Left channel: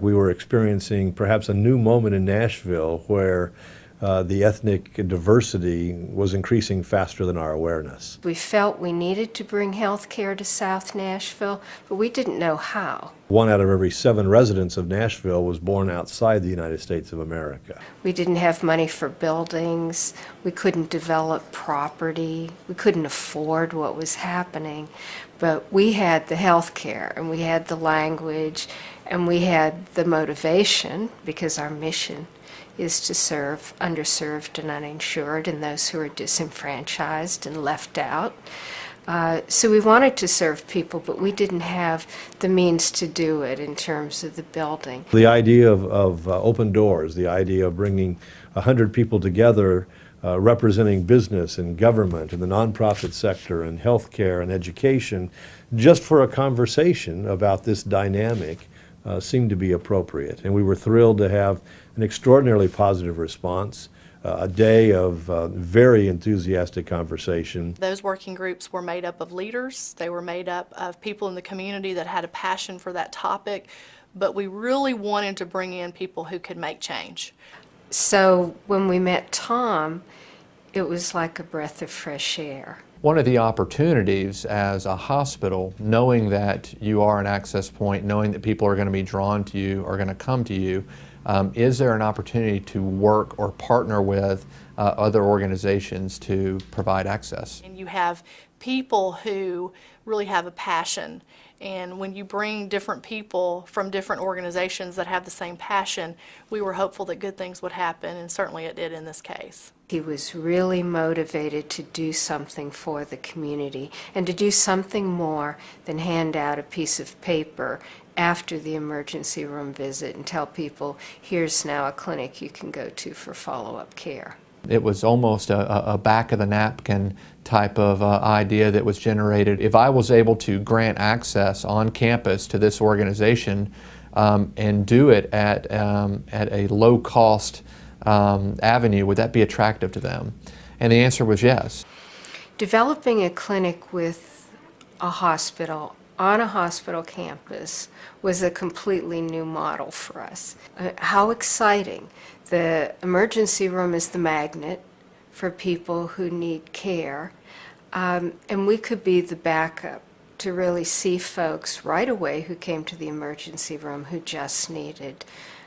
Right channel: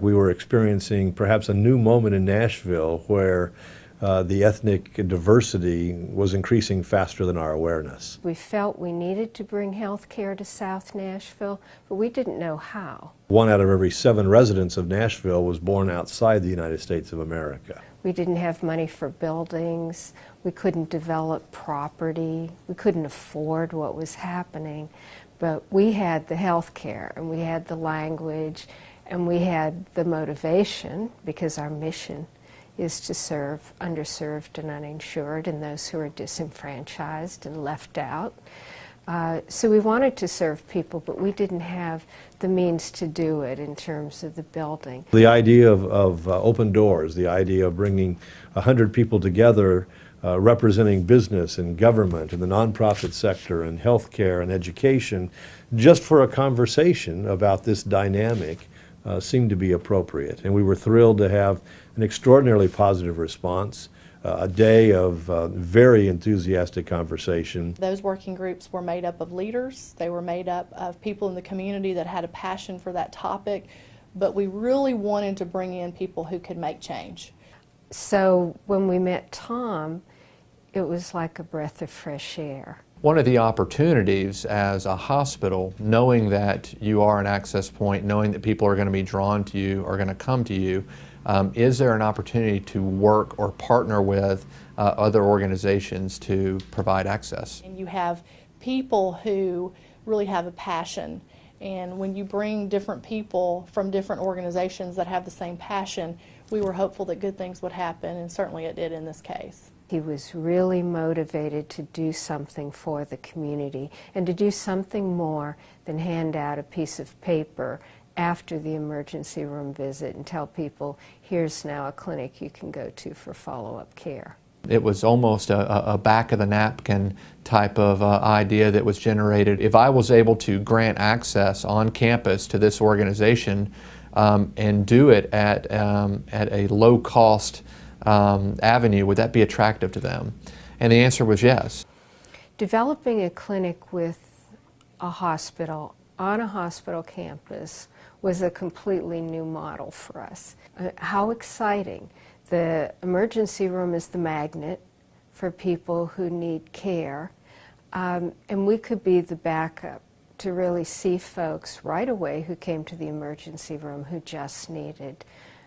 We were experiencing perhaps a new moment in Nashville where the ethnic diversity was increasing faster than our awareness. We felt we needed to bring health care to South Nashville, but we didn't know how. 1 out of every 7 residents of Nashville was born outside the United States of America. We didn't have money for buildings, we couldn't develop property, we couldn't afford what was happening, but we had the health care and we had the language and we had the motivation, because our mission is to serve underserved and uninsured and those who are disenfranchised and left out. So we wanted to serve people, but we didn't have the means to do it in terms of the building. The idea of open doors, the idea of bringing 100 people together representing business and government and the nonprofit sector and healthcare and education, just for a conversation about this dynamic, seemed to be appropriate. And we were thrilled to have an extraordinarily positive response, a day of very enthusiastic conversation. Those working groups were made up of leaders. They were made up of people in the community that had a passion for that topic, but we really wanted to bring in people who could make change. So when we met Tom, it was like a breath of fresh air. One of the opportunities as a hospital, knowing that you are an access point, knowing that people are going to be drawn to you, are going to come to you, is there an opportunity to work or partner with other organizations to provide access? And you have people who really have a passion, and when you bring different people from different organizations that have the same passion, we were hopeful that good things would happen, and certainly it did in this case. He was really motivated to do something for the community and to do something more than hand out a piece of paper after the emergency room visit and tell people, here's now a clinic you can go to for follow-up care. It was almost a back of the napkin type of idea that was generated. If I was able to grant access on campus to this organization and do it at a low cost avenue, would that be attractive to them? And the answer was yes. Developing a clinic with a hospital on a hospital campus was a completely new model for us. How exciting. The emergency room is the magnet for people who need care, and we could be the backup to really see folks right away who came to the emergency room who just needed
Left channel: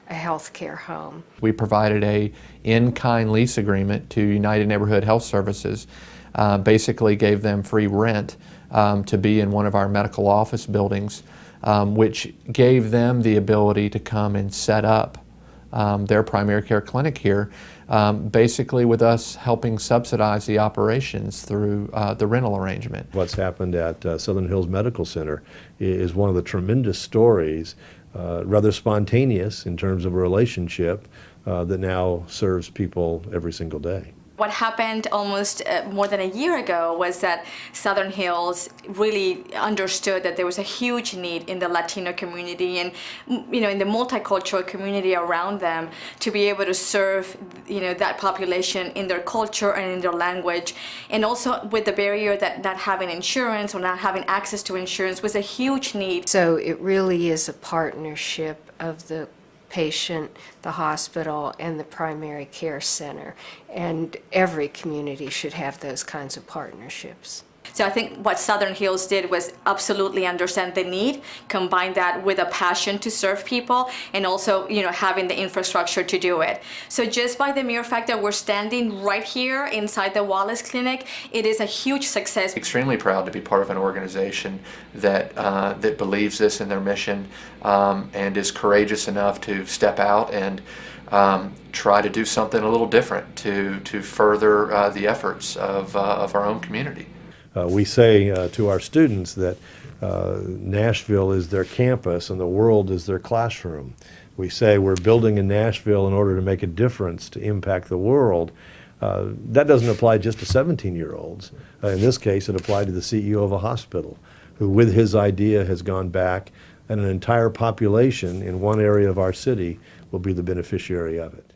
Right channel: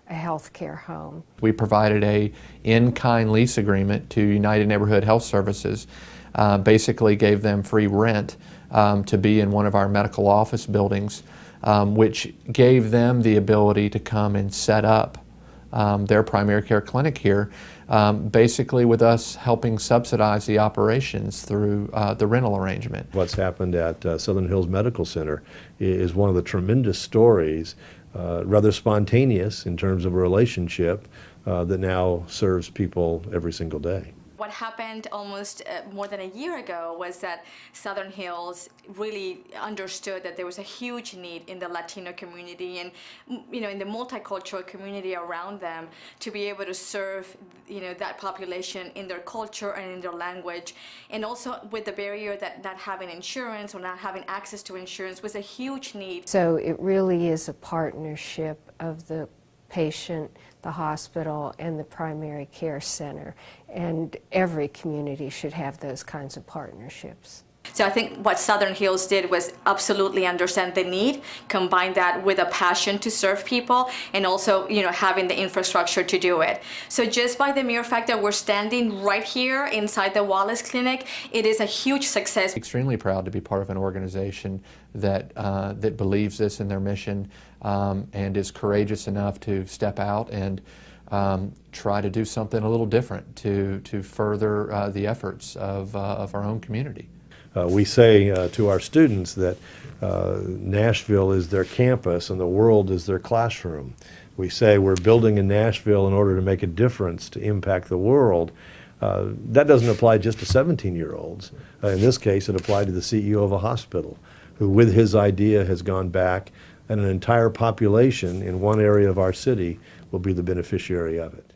a healthcare home. We provided a in-kind lease agreement to United Neighborhood Health Services, basically gave them free rent to be in one of our medical office buildings, which gave them the ability to come and set up their primary care clinic here, basically with us helping subsidize the operations through the rental arrangement. What's happened at Southern Hills Medical Center is one of the tremendous stories, rather spontaneous in terms of a relationship that now serves people every single day. What happened almost more than a year ago was that Southern Hills really understood that there was a huge need in the Latino community and, you know, in the multicultural community around them to be able to serve, you know, that population in their culture and in their language. And also with the barrier that not having insurance or not having access to insurance was a huge need. So it really is a partnership of the patient, the hospital, and the primary care center. And every community should have those kinds of partnerships. So I think what Southern Hills did was absolutely understand the need, combine that with a passion to serve people, and also, you know, having the infrastructure to do it. So just by the mere fact that we're standing right here inside the Wallace Clinic, it is a huge success. Extremely proud to be part of an organization that that believes this in their mission and is courageous enough to step out and try to do something a little different to further the efforts of our own community. We say to our students that Nashville is their campus and the world is their classroom. We say we're building in Nashville in order to make a difference, to impact the world. That doesn't apply just to 17-year-olds. In this case, it applied to the CEO of a hospital who, with his idea, has gone back, and an entire population in one area of our city will be the beneficiary of it.